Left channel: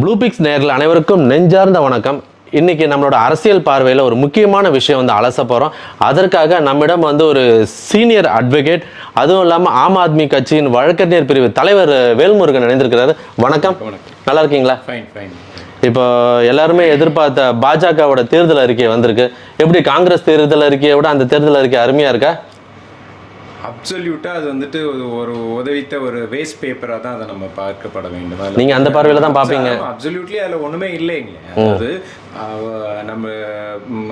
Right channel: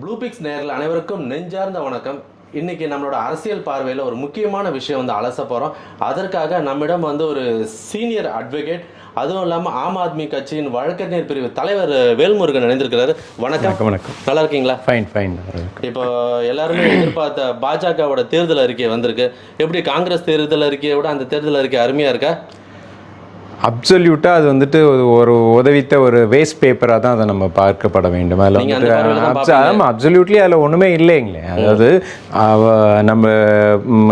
ப்ளூபிக்ஸ் நேயர்கள் அனைவருக்கும் நெஞ்சார்ந்த வணக்கம். இன்னைக்கு நம்மளோட அரசியல் பார்வையில் ஒரு முக்கியமான விஷயம் வந்து அலச போகிறோம் அதற்காக நம்மிடம் வந்து ஒரு சீனியர் அட்வொகேட் அதுவும் இல்லாமல் ஆம் ஆத்மி கட்சியின் வழக்கறிஞர் பிரிவு தலைவர் வேல்முருகன் இணைந்திருக்கிறாரு. வணக்கம். வணக்கம். நல்லா இருக்கீங்களா? ஃபைன் ஃபைன் இப்போ எல்லாருமே எதிர்பார்த்த பாஜகவோட தேர்தல் அறிக்கை வந்திருக்கு. எப்படி காங்கிரஸ் தேர்தல் அறிக்கையை விட அந்த தேர்தல் அறிக்கை அருமையா இருக்கா? அப்சல்யூட்டா அது வந்துட்டு ஒரு- உதவித்த ஒரு வேஸ்ட் பேப்பரா தான் அதை நம்ம பார்க்கப்பட வேண்டும்? அதுல அந்த பார்வையில தான் பார்ப்பீங்க. அப்சல்யூட்லி அதுல ஒண்ணுமே இல்லைங்களே. அதாவது நம்ம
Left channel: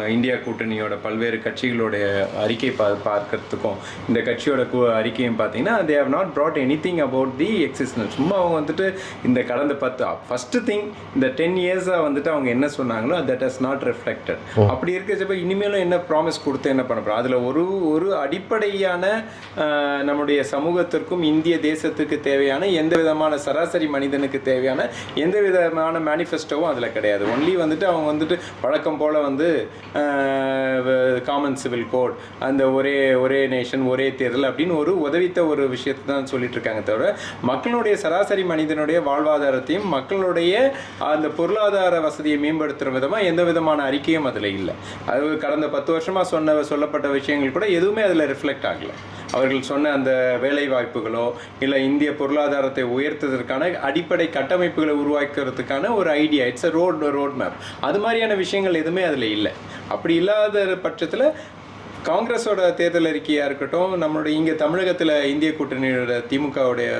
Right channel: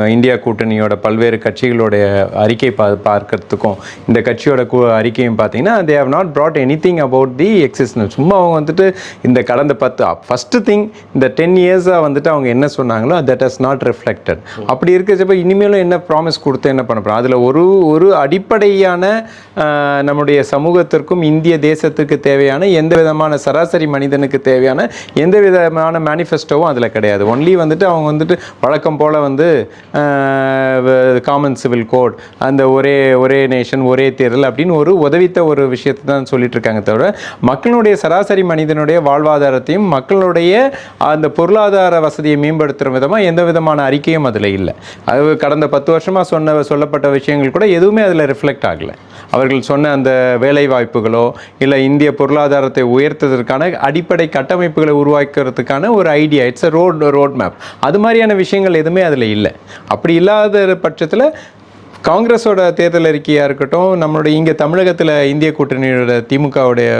இந்தியா கூட்டணியோட பல்வேறு கட்சிகளுடைய அறிக்கை பா பார்க்கறதுக்கும் இந்த கட்சியோட கு- அறிக்கையும் பார்த்தீங்கன்னா they have not brought anything about the existence சும்மா அவங்க வந்துட்டு இந்த கடந்த பத்து ஃபர்ஸ்ட் திங் இந்த டென் இயர்ஸாக வந்துட்டு அவங்க என்ன சொன்னாங்களோ தட் ஹஸ் நாட் ரிஃப்ளெக்டட் அப்படி இருக்கிறப்ப இனிமேலும் என்ன ப்ராமிஸ் கொடுத்து என்ன பண்ண போகிறோம் அதில் ஒரு ஒரு அடிப்படையான நம்முடைய சமூகத்திற்கும் இந்திய தேசத்துக்கு தேவையான எந்த விதமான சராசரி மனிதனுக்கு தேவையான எந்த விதமான மேனிஃபெஸ்டோவும் அதில் கிடையாது. ஒன்லி வந்துட்டு அவங்க வந்துட்டு வழக்கம் போல் வந்து காமன் சிவில் கோட் அந்த ஒரே ஒரே நேஷன் ஒரே தேர்தல் அப்படின்னு ஒரு உதவித்த ஒரு விஷயத்தை தான் சொல்லிட்டு இருக்காங்க தவிர மக்களுடைய சராசரி மனிதனுடைய வாழ்வாதாரத்தையும் மக்களுடைய அந்த பொருளாதார வசதியை மேம்படுத்துகிற விதமாக எந்த விதமான அறிக்கையும் அதில் இல்லை. அது கடந்த பத்து வருஷமாக சொன்ன சொல்லப்பட்ட விஷயங்கள் கூட எதுவுமே அதில் ரிஃப்ளெக்ட் ஆகலை. அவர்கள் சொன்ன அந்த வேலை வாய்ப்புகளோ இல்லை இந்திய பொருளாதாரத்தை உயர்த்துவதற்கான அடிப்படை கட்டமைப்புகளை உருவாக்குறதுக்கான ஒரு idea it's a road road map அது மாதிரியான விஷயங்கள் எதுவுமே அதில் இல்லை. அப்படி இல்லாத பட்சத்தில் காங்கிரஸோட தேர்தல் அறிக்கையாக இருக்கட்டும் நம்மளுடைய இங்கே தமிழகத்தில் இந்திய கூட்டணியோட திமுகவுடைய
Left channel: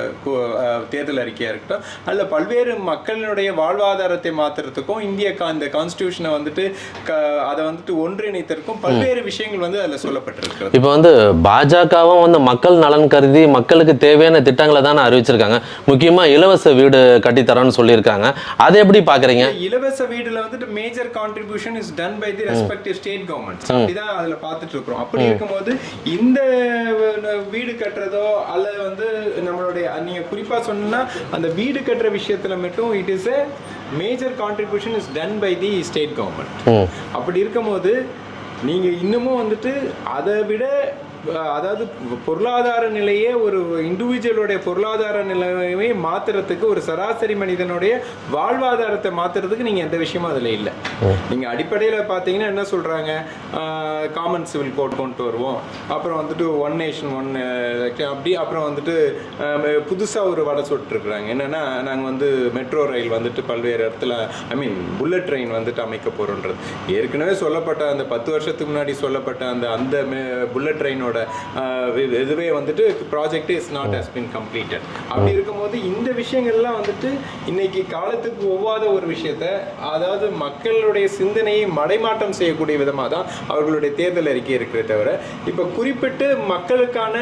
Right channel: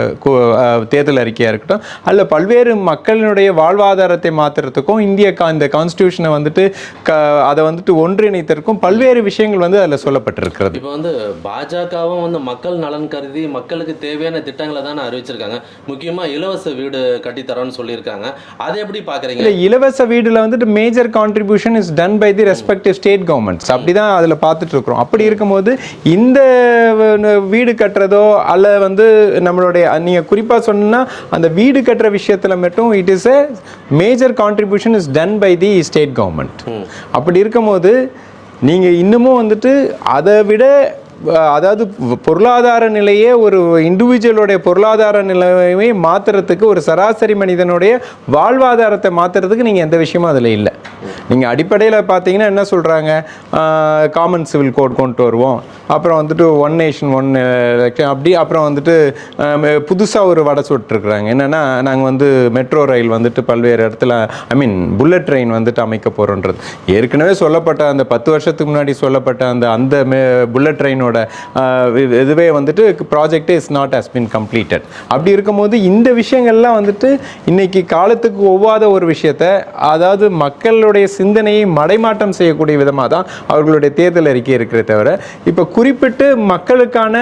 தேர்தல் அறிக்கையாக இருக்கட்டும் அல்ல பல்வேறு மக்களினுடைய வாழ்வாதாரத்தை மாற்றுறதுக்கும் இந்திய கா இந்த கான்ஸ்டியூஷனை வந்துட்டு க அதை வந்துட்டு ஒன்றிணைத்திருக்கும் பல்வேறு விஷயங்கள் வந்து அதில் சொல்லப்பட்டிருக்கிறது. இப்போ வந்து பாஜகவும் வந்து மக்கள் நலன் கருதி மக்களுக்கு தேவையான திட்டங்களை தானே அறிவிச்சிருக்காங்க. முக்கியமா இலவச வீடு கட்டித்தரோன்னு சொல்லியிருக்காங்க. அதை எப்படி பாக்குறீங்க? இந்த இலவச வீடுல வந்துட்டு major contribution is done by the respective state governments அப்படிதான் அதுல பார்த்துட்டு இருக்கிறோம் அப்படி இருக்கும்போது இந்த வீடு கட்டுறதோ அல்ல வந்து நம்மளுடைய நீங்க குறிப்பா சொன்னா அந்த வீடு கட்டுற விஷயத்துல மட்டும் it is a major contribution is done by the state government அப்படி இருக்கும்போது நீங்க இன்னமும் வந்துட்டு அதை விட அதாவது பொருளாதார நிலையே ஒரு இண்டிவிஜுவலுடைய பொருளாதார நிலையை மாற்றுறதுக்கு ஒரு சராசரி மனிதனுடைய வாழ்வாதாரத்தை மாற்றுறதுக்கு நீங்கள் எந்த விஷயமும் அதில் இல்லை. நீங்கள் அடிப்படையில் பார்த்தீங்கன்னா என்ன சொல்கிறாங்க காமன் சிவில் கோட் கொண்டு வருவோம். அப்புறம் வந்துட்டு ஒன் நேஷன் ஒன் அப்படி அப்புறம் வந்துட்டு புதுசாக ஒரு வடை சுட்டுருக்குறாங்க என்னென்னா நாங்கள் வந்து மெட்ரோ ரயில் வந்துட்டு பல்வேறு இடத்துல ஐ மீன் புல்லட் ட்ரெயின் வந்துட்டு அமைக்க போகிறோன்றது ஏற்கனவே சொல்லப்பட்ட அந்த பத்து வருஷத்துக்கு முன்னாடி சொல்லப்பட்ட அந்த அந்த புல்லட் ட்ரெயினோட இதுவே வந்துட்டு ப்ராஜெக்டே is not has been completed அப்படி இருக்கும்போது இந்த விஷயங்கள்லாம் வந்துட்டு இன்னைக்கு காலத்துக்கு ஒவ்வாத ஒரு விஷயத்த அதாவது மக்களுடைய சிந்தனையை மடைமாற்றம் செய்யக்கூடிய விதமாக தான் அவர்களுடைய தேர்தல் அறிக்கை இருக்கிறத தவிர இப்போ குறிப்பிட்டு மக்களுக்கான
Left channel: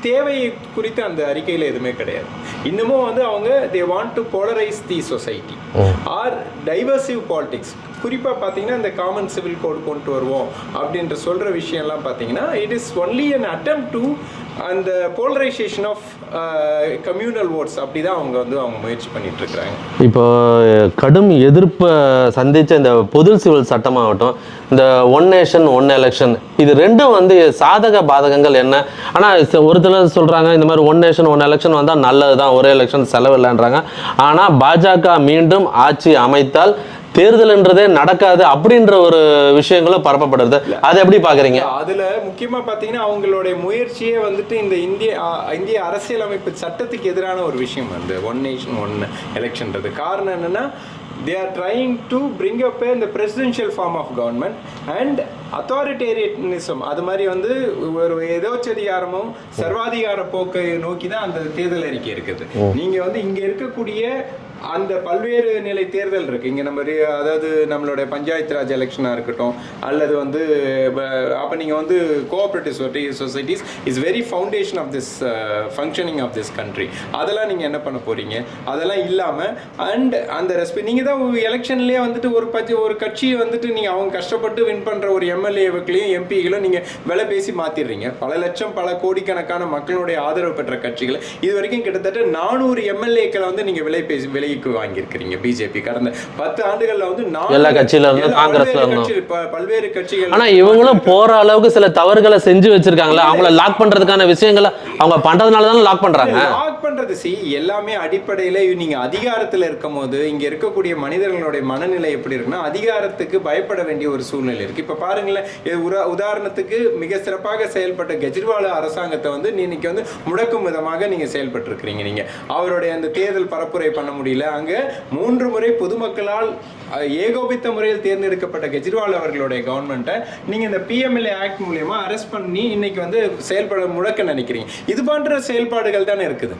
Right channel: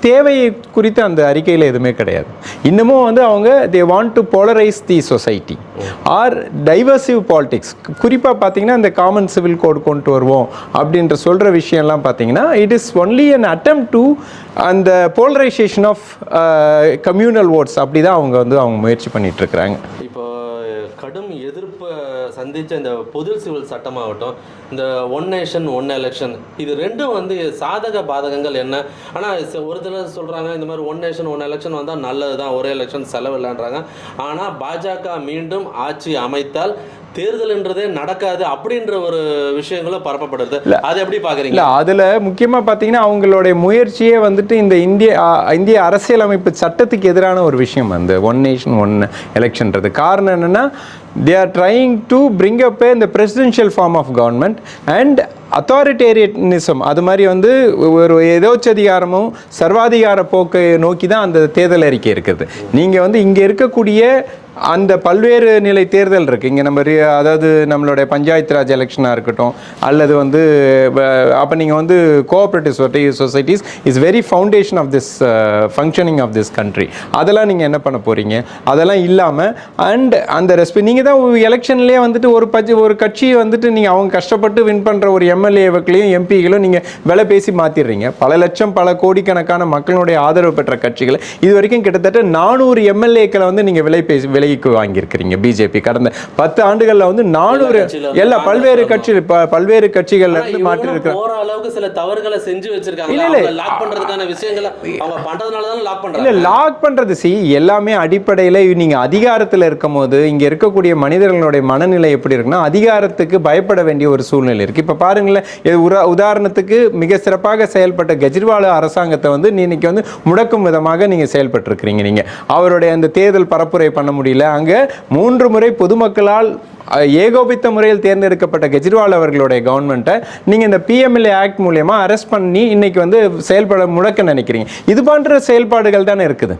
தேவையை குறித்து அந்த அறிக்கையில் எதுவுமே கிடையாது. இன்னமும் வந்து அவங்க they want to polarize the society or divisive politics குறிப்பாக பார்த்தீங்கன்னா இந்த காமன் சிவில் கோட் கொண்டு வருவோம் அப்படின்ற சொல்கிற விஷயம்லாம் பார்த்தீங்கன்னா it is only an attempt to அந்த போலரைசேஷன் ஆஃப் கம்யூனல் ஓட்ஸ் அப்படி தான் அவங்க வந்து அவங்க முயற்சி பண்ணிட்டு இருக்கிறாங்க இப்போ கடும் எதிர்ப்பை சந்தித்த இந்த பொது சிவில் சட்டமாகட்டும் இந்த ஒன் நேஷன் ஒன் எலெக்ஷன் இது ரெண்டும் வந்து சாதக பாதகங்கள் என்ன? ஆனால் ச- ஒரு சிலர் இந்த மாதிரி ஒன் நேஷன் ஒன் எலெக்ஷன் வந்தால் நல்லது தான் ஒரே எலெக்ஷன் செலவில்லைன்றாங்க. ஆனால் பாஜக மீண்டும் ஆட்சி அமைத்தால் தேர்தல்ன்றதே நடக்காது அப்படின்ற ஒரு விஷயங்களும் பரப்பப்படுறது. அதை எப்படி பாக்குறீங்க? அதுல முக்கியமா பாத்தீங்கன்னா அவங்களுடைய முயற்சியே வந்துட்டு இந்த இந்திய இந்திய அரசியலமைப்பு சட்டத்துக்கு எதிரான ஒரு விஷயம் அந்த ஒன் நேஷன் ஒன் எலெக்ஷன்றது காரணம் என்னன்னா they are trying to bring up இந்த presidential form of government and authoritarianism அது மாதிரி வந்து ஒரு எதோச்சதிகாரமும் சர்வாதிகார போக்கை நோக்கி தான் அந்த தேர்தல் அறிக்கை இருக்குது. நீங்க வந்து இங்க இருக்கக்கூடிய அந்த பல்வேறு நிலை தேர்தல் இருக்குது இங்கே நம்ம அதாவது நம்மளுடைய பஞ்சாயத்து ராஜ் எலெக்ஷனாக இருக்கட்டும் அல்லது வந்து அப்போ நீங்கள் வந்து cooperative societies is very foundation of this functioning of this country அதெல்லாம் நீங்கள் என்ன பண்ண போகிறீங்க அதெல்லாம் இல்லாமல் அண்ட் அந்த ரெஸ்பெக்ட் நீங்கள் தான் எலெக்ஷன்லேயே வந்துட்டு ஒரு பட்சி ஒரு கட்சியை வந்துட்டு நீங்கள் அவங்க கஷ்டப்பட்டு வின் பண்ணுற ஒரு எம்எல்ஏக்களையும் எம்பிகளையும் நீங்கள் விலை பேசி மாற்றிடுறீங்க பல லட்சம் பல கோடிக்கணக்கான மக்களுடைய ஆதரவு பெற்ற கட்சிகளை இது வரைக்கும் கிட்டத்தட்ட நானூறு எம்எல்ஏக்களை வந்து நீங்கள் விலை பேசி விலைக்கு வாங்கியிருக்கிறீங்க பிஜேபி கடந்த பத்து ஆண்டுகள்ல வந்து எல்லா காங்கிரஸ்ல பல்வேறு. கட்சி பல்வேறு கட்சிகள் இவங்களும். போற அளவுக்கு சில தவறுகளை செஞ்சு வச்சிருக்காங்களா? அவங்க லாக் பண்றதுக்கான விஷயங்களை அவங்க பண்றதுனால தானே லாக் பண்றாங்க? லாக் பண்றது சி எல்லாமே அடிப்படையில நீங்க அதிகாரத்துல இருக்கும் போது இங்க இருக்கக்கூடிய மனிதர்களுடைய மனநிலை எப்படி இருக்குன்னா அதிகாரத்துக்கு பயப்பட வேண்டிய ஒரு சூழ்நிலை இருக்கு. இப்ப பாருங்களேன் உதாரணத்துக்கு மிக சிறப்பாக செயல்பட்ட கெஜ்ரிவால் அரசாங்கத்தை வந்து இன்னைக்கு வந்து முடக்கும் விதமாக நீங்க செயல்பட்டு இருக்கிறீங்க நீங்க. அவருடைய அந்த தேர்தல் பரப்புரை பண்ண முடியல அங்கே மூன்று முறை பொதுமக்களால் ஏகோபித்த முறையில் தேர்ந்தெடுக்கப்பட்ட கெஜ்ரிவால் அவர்களுடைய கவர்மெண்ட்டை நீங்கள் இந்த பிஎம்எல்ஏ ஆக்ட் மூலயமா அரெஸ்ட் பண்ணி இன்னைக்கு வந்து செயல்பட முடக்க நினைக்கிறீங்க. இது போன்ற செயல்பாடுகள் தானே இருக்குது?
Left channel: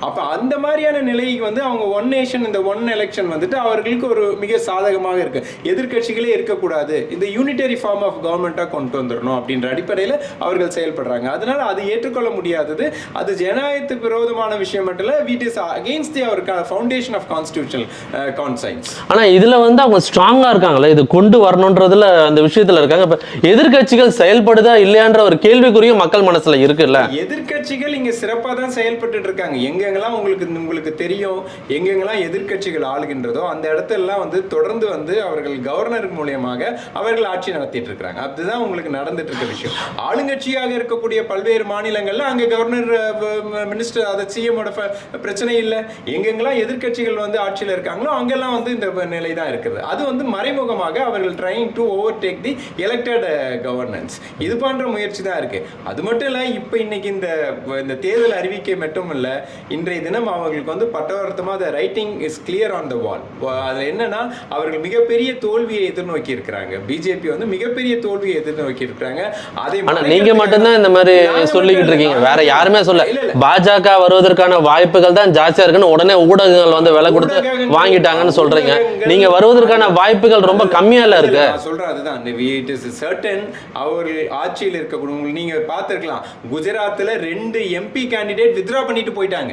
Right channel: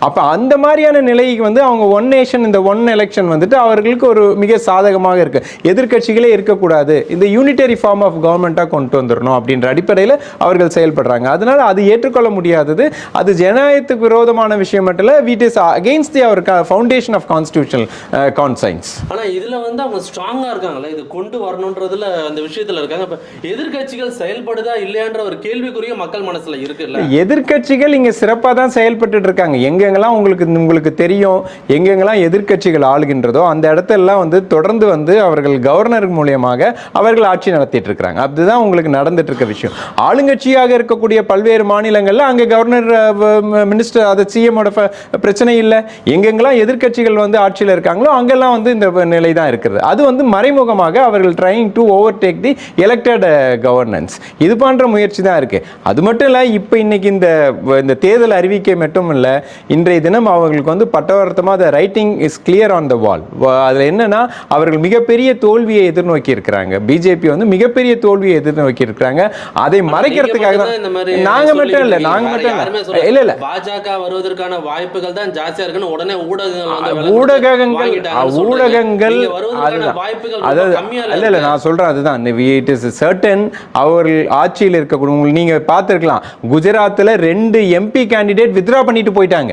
அப்ப அந்த மாதிரியான நிலைக்கு வந்து அவங்க ஒன் நேஷன் இந்த ஒன் எலெக்ஷன் வந்துட்டு அவர்களுக்கு ஒரு மிக சாதகமாக இருக்கு. எதிர்க்கட்சிகளே இருக்கக்கூடாது. இந்த யூனிட்டரி ஃபார்ம் ஆஃப் கவர்மெண்ட்டாக கொண்டு வந்துடணும் அப்படின்ற அடிப்படையில் அவர்கள் செயல்படுறாங்க. அதனால அது ஏற்றுக்கொள்ள முடியாதது. அது ஜனநாயகத்துக்கு விரோதமான விஷயம் மட்டும் இல்லை which is against the our foundation of constitutional conscience ஆனா இதுல வந்து அவங்க ஸ்ட்ராங்கா இருக்காங்களே இது கொண்டு வரணுன்றதுல அந்த விஷயத்துல இருக்காங்க. இப்ப எதிர்க்கட்சிகள் செயல்படுதா இல்லையான்ற ஒரு கேள்விக்குரிய மக்கள் மனசுல இருக்குல்ல? எதிர்க்கட்சிகள் இங்க சிறப்பா தான் செயல்பட்டு இருக்காங்க. எங்கெங்கெல்லாம் உங்களுக்கு உங்களுக்கு தெரியும் எங்கெங்கெல்லாம் எதிர்க்கட்சிகள் ஆளுகின்றதோ அந்த இடத்தெல்லாம் வந்து தொடர்ந்து வந்து அவர்கள் கவர்னர் மூலியமாக அவர்கள் ஆட்சி நடத்திட்டு இருக்காங்க அதுதான் உங்களுக்கு நடந்துட்டு இருக்க விஷயம். ஆளுங்கட்சியாக இருக்கக்கூடிய பல்வேறு மாநிலங்களில் அங்க கவர்னர் மினிஸ்டர் அது சிஎமோட பிரச்சனை இல்லை. எங்கெங்கெல்லாம் எதிர்க்கட்சிகள் வந்து ஆட்சியில் இருக்காங்களோ அங்கெல்லாம் வந்து இந்த நிலை தான் இருக்கிறது அது வந்து மறைமுகமாக அவர்கள் trying to overtake the elected governance இது போன்ற முயற்சி தான் இருக்கு. அது மட்டும் இல்ல இப்போ இன்னைக்கு இந்த இந்த தேர்தல் அறிவிக்கை மட்டும் இல்ல இன்றைய தினம் அவர்களுக்கு வந்து பட்டவர்த்தமா the writing is clear on the wall அதுல என்னன்னா அவர்கள் மிகப்பெரிய தோல்வியை எதிர்நோக்கி இருக்கிறாங்க. பிஜேபி வந்து மிகப்பெரிய தோல்வியை எதிர்நோக்கி இருக்கிறாங்க. அதை மறைக்கிறதுக்காக மட்டும்தான் இந்த மாதிரி வேற யாருமே. சொல்ல இல்ல இல்ல. பாஜக வருவதற்கான வாய்ப்புகள் தான் ஜாஸ்தியா இருக்குன்னு உடனே ஊடகங்கள் வந்து விலை வாங்கிட்டாங்கன்னு சொல்றீங்க. நீங்க வருவதற்கான. வாய்ப்புகள் ரொம்ப கம்மியா இல்ல நான் சொல்றேன் அதுதான். இட் இஸ் சர்டன் அவர்கள் ஆட்சியில் இருக்கக்கூடிய நீங்க பார்த்திருக்கலாம். குஜராத்ல ரெண்டு எம்பி கேண்டிடேட் வித்ரா பண்ணிட்டு போயிட்டாங்க.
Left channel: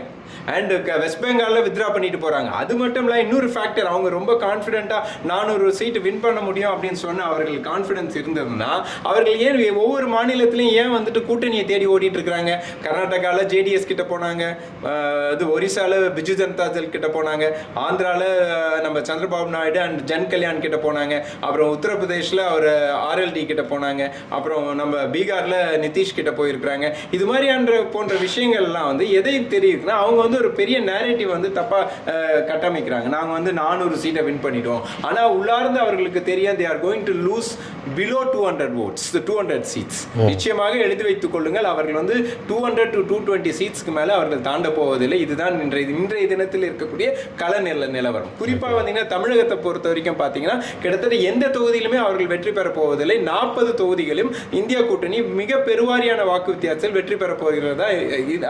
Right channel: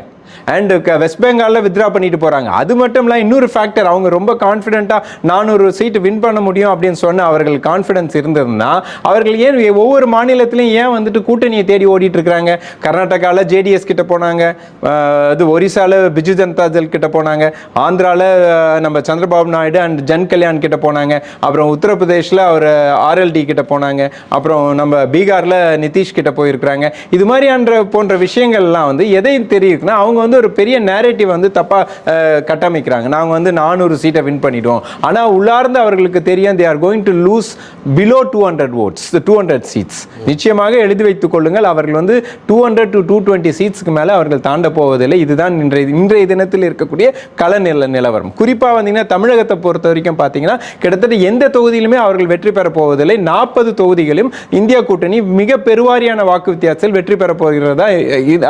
அண்ட் வெஸ்ட் பெங்காலில் வித்ரா பண்ணிட்டு போகிறாங்க அது மட்டும் இல்லை இன்னொரு ஃபேக்டர் அவங்க ரொம்ப கான்ஃபிடென்ட்டாக நானூறு சீட்டு வின் பண்ண முடியும் அப்படின்னு சொன்ன அவர்கள் கான்ஃபிடன்ஸ் இருந்ததுன்னா அவர்கள் ஏன் ஒவ்வொரு மாநிலத்திலையும் ஏன் வந்துட்டு கூட்டணியை தேடி ஓடிட்டு இருக்கிறாங்க? கர்நாடகாவில் ஜேடிஎஸ் கிட்ட போனாங்க. இது ஒரிசாவில் பிஜு ஜனதா தள் கிட்ட போனாங்க. ஆந்திராவில் நம்ம சந்திரபாபு நாயுடு அண்ட் ஜன் கல்யாண் கிட்ட போனாங்க. அப்புறம் உத்தரப்பிரதேஷில் அவர் ஆர்எல்டி கிட்ட போனாங்க. அப்புறம் நம்ம பீகாரில் நிதிஷ் கிட்ட போயிருக்கிறாங்க. இது மாதிரியான போன்ற விஷயங்கள்லாம் வந்து எதை தெரியுதுன்னா அவங்க வந்து ஒரு பெரிய நேரேட்டிவ் வந்து தப்பா அஹ், கட்டமைக்கிறாங்க. நாங்க வந்து நானூறு சீட்டை வின் பண்ணிட்டோம். ஆனா உள்ளார்ந்து அவர்களுக்கு தெரியும் they are going to lose below two hundred votes two hundred seats நிச்சயமாக எழுதி வைத்துக் கொள்ளுங்கள் அவர்கள் வந்து two hundred to two twenty சீட்ஸ்க்கு மேல அவர்கள் தாண்ட போவதில்லை. இதுதான் இன்றைய இன்றைய தினத்தில் இருக்கக்கூடிய கள நில நிலவரம். குறிப்பா வந்தீங்கன்னா தமிழகத்தை பொறுத்த வரைக்கும் பாத்தீங்கன்னா கிட்டத்தட்ட எந்த தொகுதியிலுமே அவர்கள் வெற்றி பெற போவதில்லை. நாற்பது தொகுதிகளும் இந்தியா கூட்டணி மிக பெருவாரியான வாக்கு வித்தியாசத்தில் வெற்றி பெற போகிறதா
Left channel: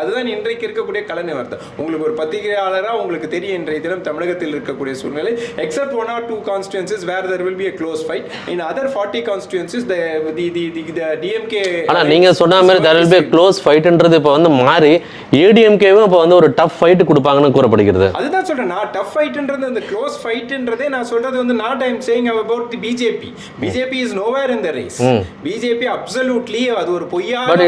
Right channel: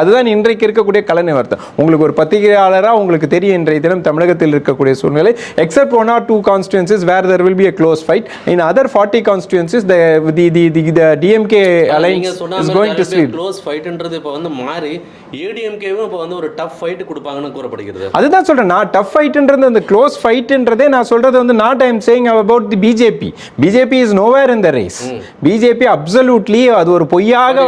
அதுதான் இன்றைக்கு இருக்கக்கூடிய கள நிலவரம் உங்களுக்கு ஒரு பத்திரிகையாளரா உங்களுக்கு தெரியும் இன்றைய தினம் தமிழகத்தில் இருக்கக்கூடிய சூழ்நிலை. Except one or two constituencies where there will be a close fight. In other 40 constituencies the the the the, the DMK ஆனா alliance நீங்க சொன்ன மாதிரி க்ளோஸ் ஃபைட்ன்றது இப்போ வந்து மாறி ஏடிஎம்கேவும் இப்போ வந்து ஒரு டஃப் ஃபைட் கொடுப்பாங்கன்னு கூறப்படுகிறது. அதுதான் சொல்றேன். நான் டஃப் ஃபைட்ன்றது அந்த க்ளோஸ் ஃபைட்ன்றதே நான் சொல்றது வந்து not I am saying about the BJP BJP is nowhere in the race BJP absolutely அது ஒரு பொய்யாக ல?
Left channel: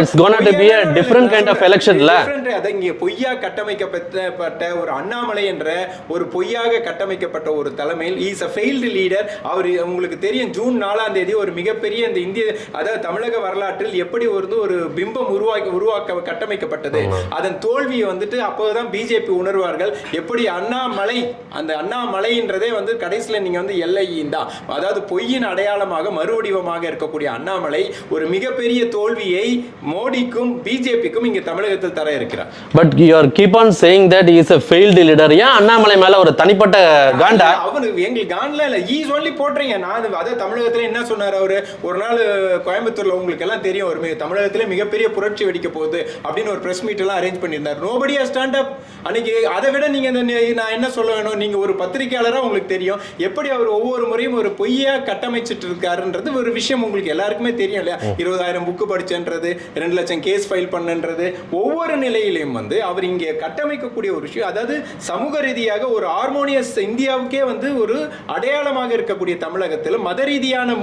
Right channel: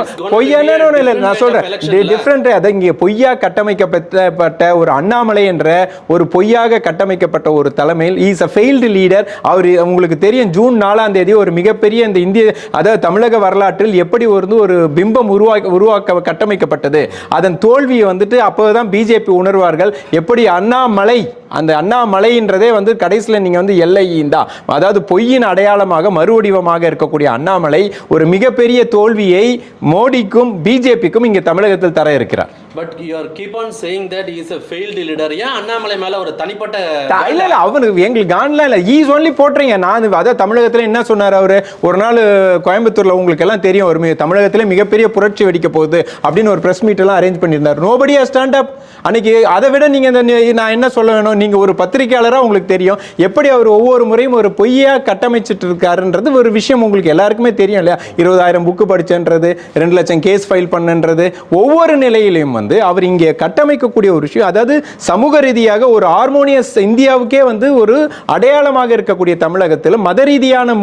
டிஃபரெண்ட் அது இங்கே பொய்யா கட்டமைக்கப்பட்ட ஒரு அண்ணாமலை என்ற ஒரு பொய்யாக கட்டமைக்கப்பட்ட ஒரு தலைமையில் இஸ் அ ஃபெயில்டு லீடர் அவர் உங்களுக்கு தெரியும் ஜூன் நாலாம் தேதி ஒரு மிகப்பெரிய இந்த இந்திய அதாவது தமிழக வரலாற்றில் எப்படி ஒரு ஒரு பிம்பம் உருவாக்க உருவாக்க கட்டமைக்கப்பட்டது. அதன் தோல்வியை வந்துட்டு அப்போதான் பிஜேபி உணர்வார்கள். எப்படி அண்ணாமலை அந்த அண்ணாமலைன்றதே வந்து கடைசியில் நீங்க வந்து எல்லை தான். அதாவது பொய்யின் அடையாளமாக மறுவடிவமாக இருக்கக்கூடிய அண்ணாமலை ஒரு மிகப்பெரிய தோல்வியை மோடிக்கும் பிஜேபிக்கும் இங்க தமிழகத்தில் தர இருக்கிறார். But you are keep on saying that is a failed leader. ஏன் அண்ணாமலை மேல ஒரு தனிப்பட்ட அவனுக்கு எங்களுக்கு கான்ல இல்ல. ஈஸ் ஒன்லி போட்டுறீங்க நான் அதான் தமிழகத்துல என்ன சொன்னார் அவரு? ஒரு நாள் கோயம்புத்தூர்ல உங்களுக்கு எல்லாம் தெரியும் ஒரு தமிழகத்துல மிகப்பெரிய புரட்சி வெடிக்க போகுது அப்படின்னு ஒரு பிரஸ் மீட் எல்லாம் அரேஞ்ச் பண்ணியிருந்தார். நோபடி ஸ்டாண்ட் அப் அன்னைக்கு அதை விட நீங்க இந்த நி- நான் என்ன சொல்ல வேணும்? நீங்க ஒரு பத்திரிகையாளரா உங்களுக்கு தெரியும். எப்படி அவர் ஒவ்வொரு முறையும் ஒரு பொய்யா கட்டமைச்சிட்டு இருக்காருன்றது ஒரு விஷயம் உங்களுக்கு எல்லாருக்குமே தெரியும் இல்லையா? இருபதாயிரம் புக்கு படிச்சன்றது ரெண்டு லட்சம் கேஸ் ஃபைல் பண்ணன்றது. ஒவ்வொரு நிலையிலையும் வந்து அவர் இங்கே கட்டமைக்கக்கூடிய ஒரு விஷயம் அதாவது சமூக ரீதியாக ஒரு ஹார்மோனியஸ் இந்தியாவுக்கே வந்து ஒரு அடையாளமாக இருக்கக்கூடிய தமிழகத்தில் மத ரீதியான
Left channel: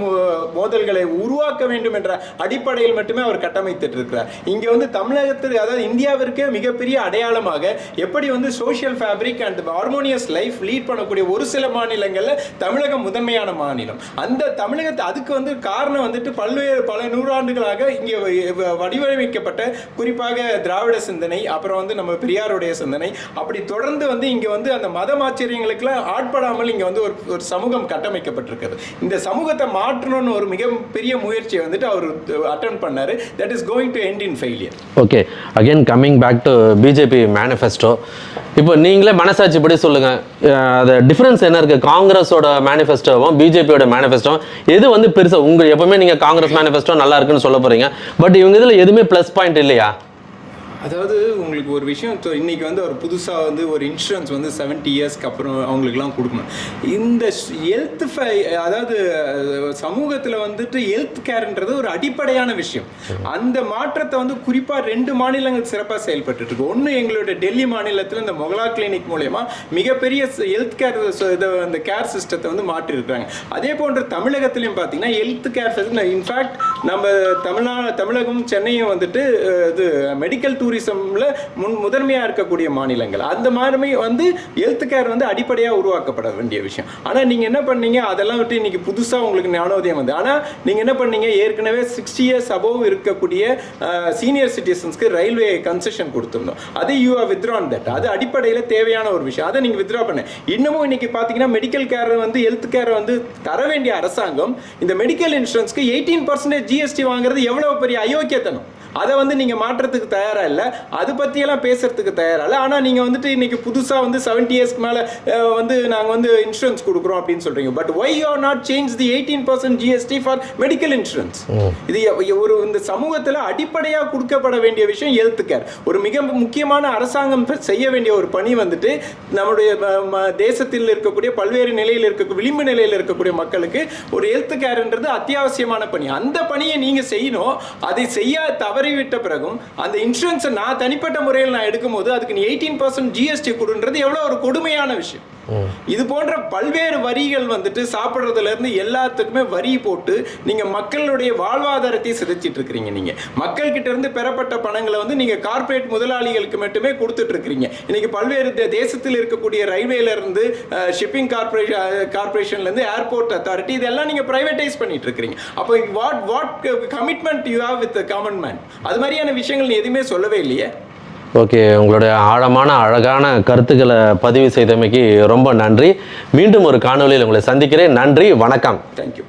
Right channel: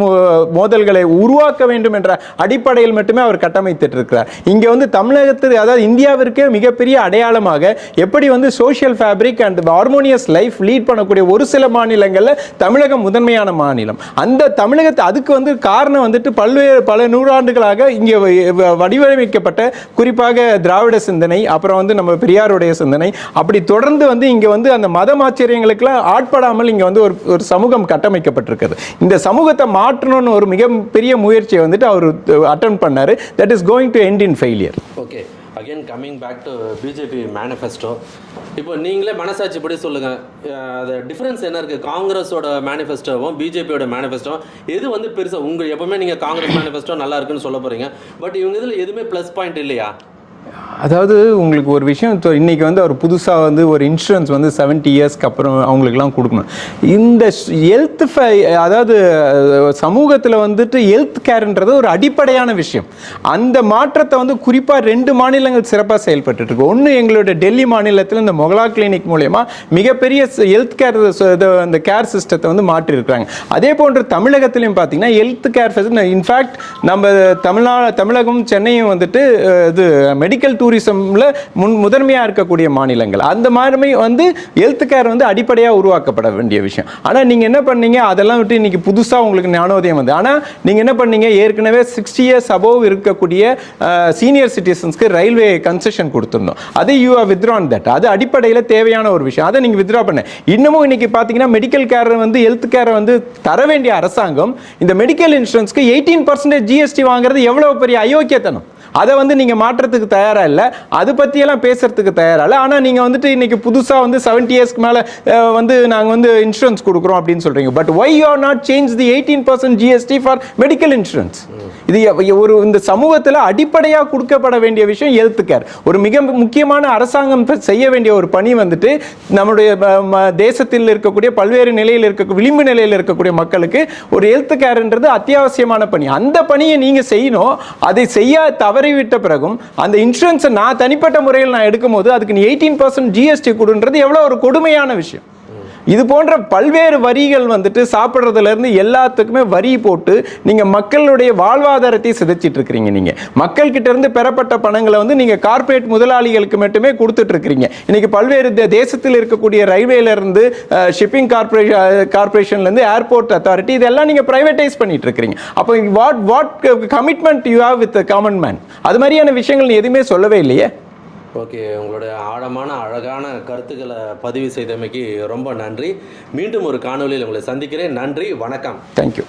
மோதல்களை உருவாக்க வேண்டும் என்ற அடிப்படையில் மட்டுமே அவர் கட்டமைத்துட்டு இருக்கிறார் இங்க வந்து தமிழகத்தில் அதாவது இந்தியாவிற்கே மிகப்பெரிய அடையாளமாக எப்படி வந்து social fabric and harmonious life life lead பண்ணக்கூடிய ஒரு சில மாநிலங்களில் தமிழகம் முதன்மையான மாநிலம். அந்த தமிழகத்தை அதுக்கு வந்து காரணம் வந்துட்டு பல்வேறு பல நூறாண்டுகளாக இங்கே வ- வடிவமைக்கப்பட்ட குறிப்பாக திராவிட சிந்தனை அப்புறம் வந்து நம்ம பெரியாருடைய சிந்தனை. அப்படி தொடர்ந்து வந்து இங்கே வந்து அந்த மதமாச்சரியங்களுக்கெல்லாம் ஆட்படாமல் இங்கே வந்து ஒரு ஒரு சமூகம் கட்டமைக்கப்பட்டிருக்கிறது இந்த சமூகத்தை மாற்றணும்னு ஒரு மிக பெரிய முயற்சியை வந்துட்டு அவர் அட்டன் பண்ணார். That is going to end in failure okay again coming back to BJP manifesto இப்போ நீங்களே மனசாட்சி படி சொல்லுங்க அது டிஃப்ரென்ஸ் என்ன இருக்கு? காங்கிரஸோட மேனிஃபெஸ்டோவும் பிஜேபியோட மேனிஃபெஸ்டோ எது வந்து பெருசா உங்க எப்பவுமே நீங்க காங்கிரஸ் மேனிஃபெஸ்டோ நல்லா இருக்குன்னு சொல்ல போறீங்க. பட் இவங்க இதுல எதுவுமே ப்ளஸ் பாயிண்ட் இல்லையா? அதாவது உங்களுக்கு ஒரு விஷயம் இன்றைக்கி இன்னைக்கு வந்து அவர் புதுசாக வந்து ஒரு இன்சூரன்ஸ் வந்து 70 இயர்ஸ்க்கு அப்புறம் அவங்களுக்குலாம் கொடுக்கணும். இந்த ஹெல்த் அதாவது சமூகத்தில் வந்துட்டு ஹெல்த் கேர்ன்றது ஒரு அடிப்படையான விஷயம். அந்த மாற்றத்தை வந்து குறிப்பாக ரெண்டு மாநிலங்கள் சிறப்பாக செயல்பட்டு இருக்கு. ஒன்று எங்களுடைய டெல்லி மாநிலத்தில் இந்த மொகலா கிளினிக் மூலயமா மிகப்பெரிய ஹெல்த் கேர் அந்த கேர் சிஸ்டத்தை வந்து மாற்றிருக்காங்க அதே போன்று தமிழகத்திலையும் பார்த்தீங்கன்னா ஹெல்த் கேர் இன்ஃபேக்ட் நம்ம தமிழ்நாடு தமிழகம் சென்னையும் வந்துட்டு இது மெடிக்கல் டூர் டூரிசம்ல முன் முதன்மையாக இருக்கக்கூடிய மாநிலங்கள். அந்த மாதிரி வந்து ஹெல்த் கேர் வந்து அடிப்படையாக உருவாக்கப்பட வேண்டிய விஷயம். ஆனால் நீங்கள் என்ன பண்ணீங்க? அதெல்லாம் விட்டு இன்னைக்கு புதுசாக உங்களுக்கு ஞானோதயம் வந்து. ஆனால் நீங்கள் என்ன பண்ணீங்க? ஏற்கனவே சிக்ஸ்டி இயர்ஸ் அபோவ் இருக்கக்கூடிய சீனியர் சிட்டிசன்ஸ்க்கு ரயில்வே கன்செஷன் கொடுத்துருந்தோம் அது யூ ஆர் வித்ரான் தட் அது அடிப்படையில் தேவையான ஒரு விஷயம். அதை நீங்கள் வித்ரா பண்ண. இன்னமும் இன்னைக்கு பார்த்தீங்கன்னா மெடிக்கல் கேர் வந்து ஹெல்த் கேரை வந்து தர வேண்டிய அரசாங்கம் இந்த மெடிக்கல் இன்சூரன்ஸ்க்கு எயிட்டீன் பர்சன்டேஜ் ஜிஎஸ்டி வாங்குறது எவ்வளவு பெரிய அயோக்கியத்தனம்? அதை வந்து நீங்கள் மாற்றத்துக்கு தயாராக இல்லை. அது பற்றியெல்லாம் பேசுறதுக்கு தயாராக இல்லை. ஆனால் நீங்கள் வந்துட்டு இன்னைக்கு புதுசாக வந்து 70 இயர்ஸ்க்கு மேலே வந்து நாங்கள் வந்து இன்சூரன்ஸ் கொடுக்குறோம் அப்படின்னு சொல்கிறீங்க but why you are not change the eighteen percent GST for medical insurance இது ஒரு இந்த சமூகத்தில் அடிப்படையாக கொடுக்கப்பட வேண்டிய விஷயம் ஹெல்த் கேர் ஒரு மிக முக்கியமான அரசாங்கம் செய்ய வேண்டிய ஒரு பணி வந்துட்டு நம்முடைய ம- தேசத்தில் இருக்கக்கூடிய பல்வேறு நிலையில் இருக்க விளிம்பு நிலையில் இருக்கக்கூடிய மக்களுக்கு ஒரு ஹெல்த் கேர்ன்றது அத்தியாவசியமான பணி. அந்த பணியை நீங்கள் செய்யணும். அதை செய்ய தவறிவிட்ட பிறகும் அந்த இன்சூரன்ஸை நான் தனிப்பட்ட முறையில் நான் எடுக்கும்போது அதுக்கு நீ எயிட்டீன் பர்சன்ட் ஜிஎஸ்டி கொடுன்றது எவ்வளவு ஒரு கொடுமையான விஷயம். இது போன்ற பல்வேறு வரிகள் வந்துட்டு சாப்பிட்றதுல இருந்து எல்லாத்துக்குமே வரி போட்டு நீங்க மக்களுடைய வாழ்வாதாரத்தை சிதைச்சிட்டு இருக்கிறீங்க நீங்க. மக்கள் கிட்ட இருந்து பெறப்பட்ட பணங்களை வந்து நீங்க கார்ப்பரேட் முதலாளிகளுக்கு மட்டுமே கொடுத்துட்டு இருக்கிறீங்க. இன்னைக்கு பல்வேறு தேசத்தில் இருக்கக்கூடிய ரயில்வேல இருந்து ஷிப்பிங் கார்பரேஷன் கார்பரேஷன்ல இருந்து ஏர்போர்ட் அத்தாரிட்டி இதெல்லாம் நீங்க ப்ரைவேட்டைஸ் பண்ணிட்டு இருக்கிறீங்க. அப்போ what what commitment you have with common man அது மாதிரியான விஷயங்கள் எதுவுமே சொல்லவே இல்லையே? ஓகே உங்களுடைய ஆழமான அழகான கருத்துக்களை பதிவு செய்தமைக்கு ரொம்ப நன்றி. மீண்டும் ஒரு காணொளியில் உங்களை சந்திக்கிறேன். நன்றி வணக்கம். தேங்க்யூ